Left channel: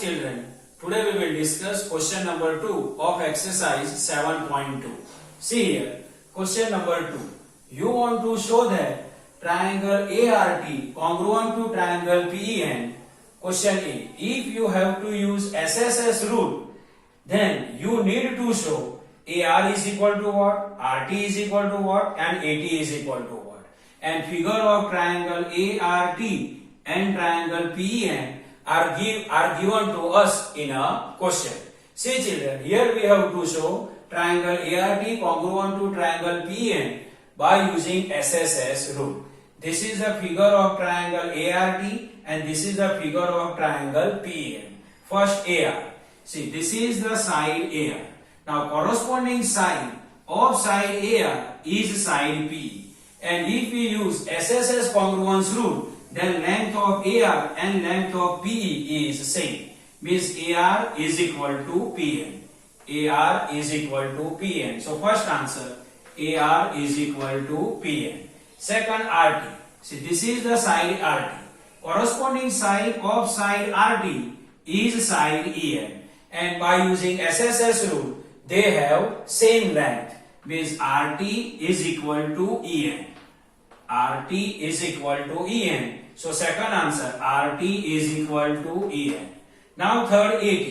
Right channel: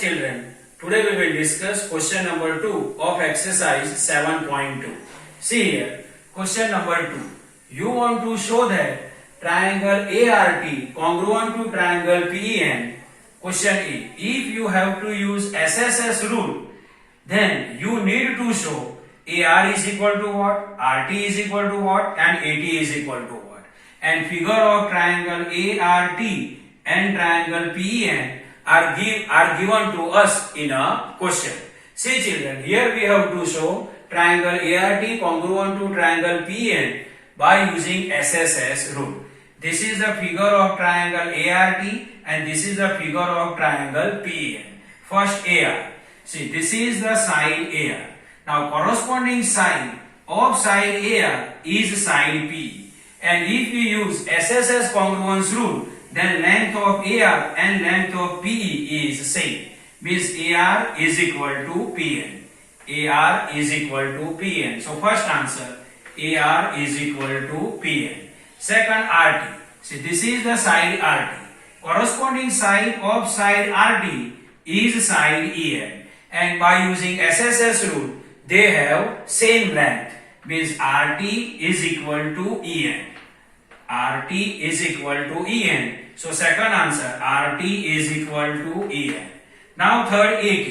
children, today we will discuss question number 2 of exercise 7.2. See here, question number 2. You want to show that triangle ART congruent to triangle PEN. Question A. If you have to use SSS rule, then you need to show AR is equal to what, RT is equal to what, and AT is equal to what. And figure of triangle ART and triangle PEN are given to us in a question. See children, here we have to show triangle ART congruent to triangle PEN by using SSS rule. This is the figure of triangle ART and this is the figure of triangle PEN. First AR. See, this is the side AR. Now corresponding side of side AR is side PE. And if we use SSS congruence rule, then length of AR and length of PE is same. Means AR is equal to PN. AR is equal to PN. So first answer, AR is equal to PN. Second RT. See, this is the side RT. Corresponding side of side RT is side EN. And by using SSS rule, they have same length. Means RT is equal to EN. RT is equal to EN. So second answer, RT is equal to EN. Now third AT.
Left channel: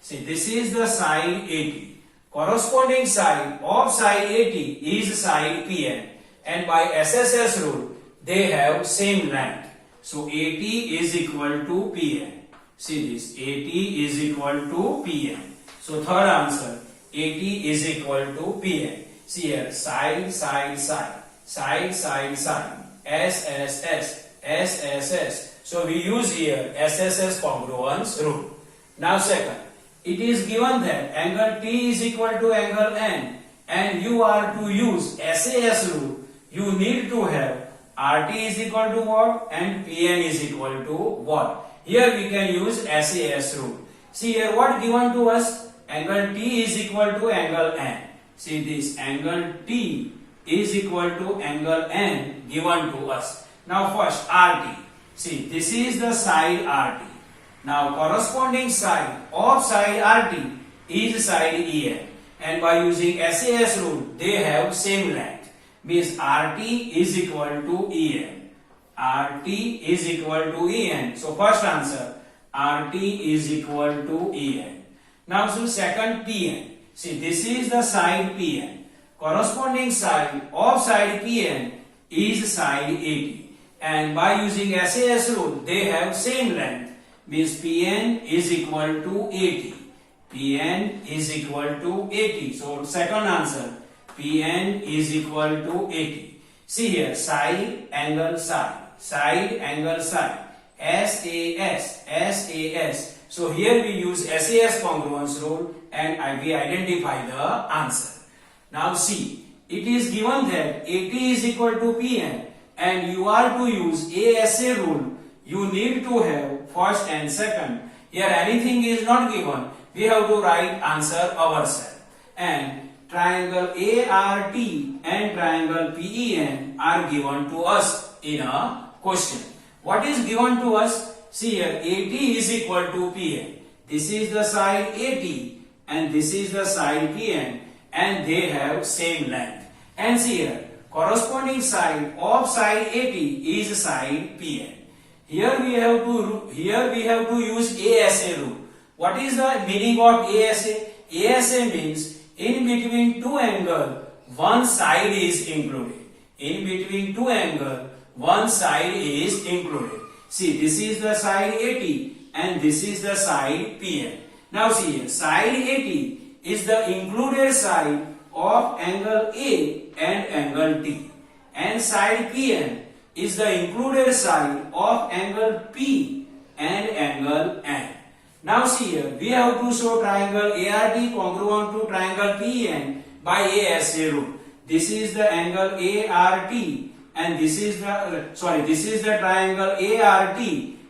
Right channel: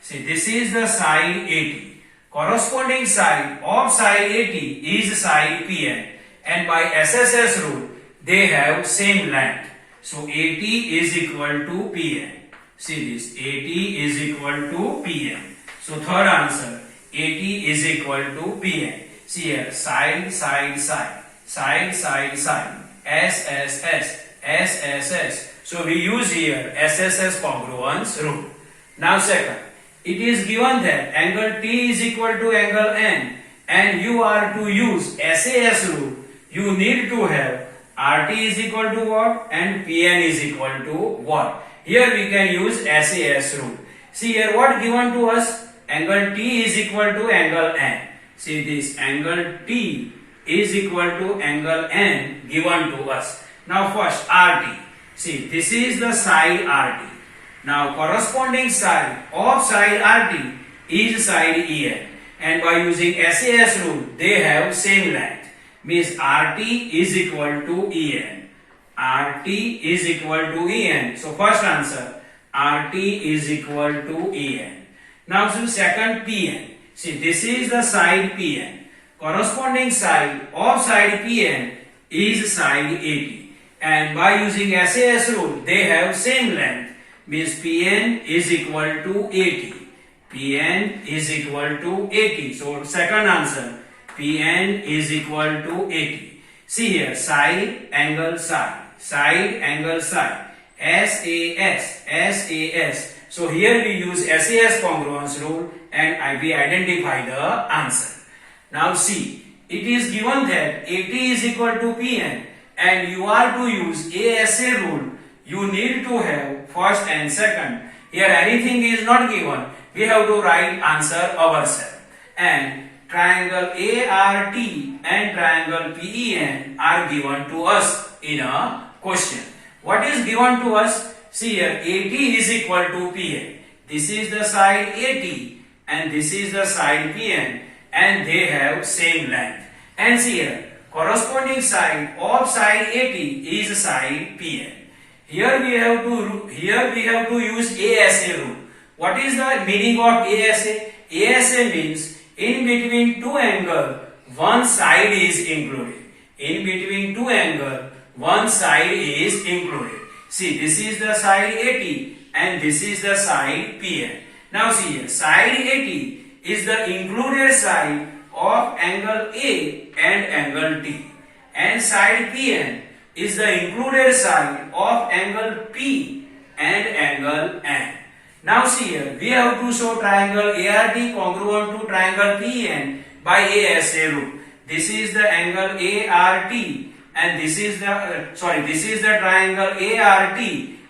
See, this is the side AT. Corresponding side of side AT is side PN. And by SSS rule, they have same length. So AT is equal to PN. See this, AT is equal to PN. So third answer, AT is equal to PN. See here, side, side, side. Side, side, side. SSS, SSS. So we use here SSS congruence rule. Now second, it is given that angle T is equal to angle N and you are to use SAS rule. You need to have RT is equal to what and PN is equal to what. Here we can use SAS rule. See here what given to us? Angle T is equal to angle N. See this, angle T is equal to angle N given to us. Now first RT. See, this is the side RT. Now corresponding side of side RT is side EN. And by using SAS rule, they have same length. Means RT is equal to EN. RT is equal to EN. So first answer, RT is equal to EN. Now so second PN. See, this is the side PN. Corresponding side of side PN is side AT. And by using SAS rule, they have same length. Means PN is equal to AT. PN is equal to AT. So second answer, PN is equal to AT. See here, side, angle, side. Side, angle, side. SAS, SAS. So here we use SAS congruence rule and we identify the answer. Now see, it is given that AT is equal to PN and you are to use ASA rule. You need to have first and second. Here anything is not given. We have to write answer ourselves. And triangle ART and triangle PEN are given to us in a question. What is given to us? See here, AT is equal to PN. This is the side AT and this is the side PN. And they have same length. And see here, corresponding side of side AT is side PN. Here we have to use ASA rule. What is the meaning of ASA? ASA means in between two angles, one side is included. In between two angles, one side is included. See, this is the side AT and this is the side PN. Now see here, side AT is the included side of angle A and angle T. And side PN is the included side of angle P and angle N. Now see here, we have to show triangle ART congruent to triangle PN by ASA rule. This is the angle ART and this is the triangle ART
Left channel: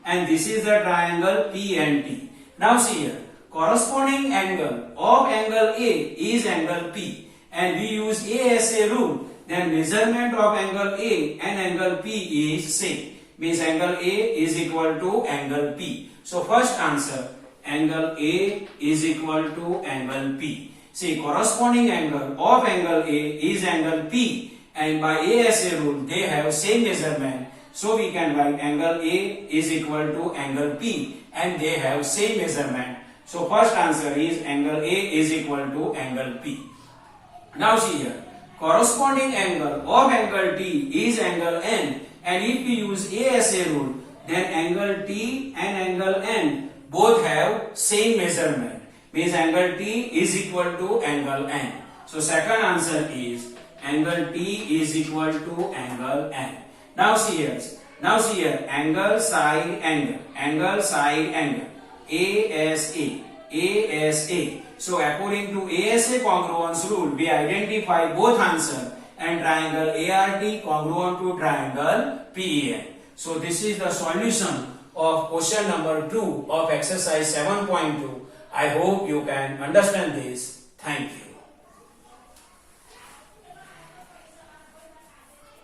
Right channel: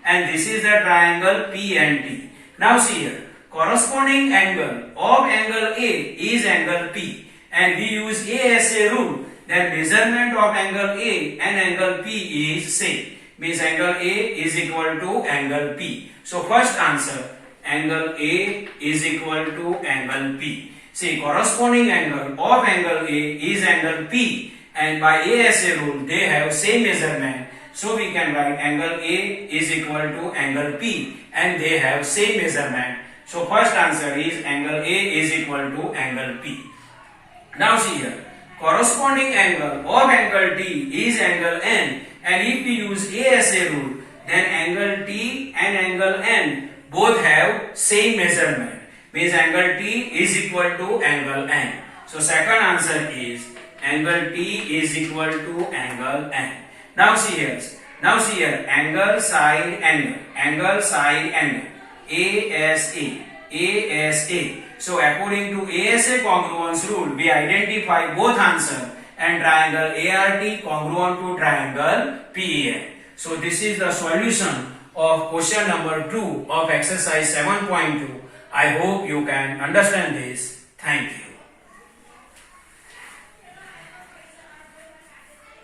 and this is the triangle PNT. Now see here, corresponding angle of angle A is angle P and we use ASA rule, then measurement of angle A and angle P is same. Means angle A is equal to angle P. So first answer, angle A is equal to angle P. See, corresponding angle of angle A is angle P, and by ASA rule they have same measurement. So we can write angle A is equal to angle P, and they have same measurement. So first answer is angle A is equal to angle P. Now see here, corresponding angle of angle T is angle N, and if we use ASA rule, then angle T and angle N both have same measurement. Means angle T is equal to angle N. So second answer is angle T is equal to angle N. Now see here, angle side angle, ASA. So according to ASA congruence rule, we identify both answer and triangle ART congruent to triangle PEN. So this is the solution of question number 2 of exercise 7.2. I hope you can understand this. Thank you.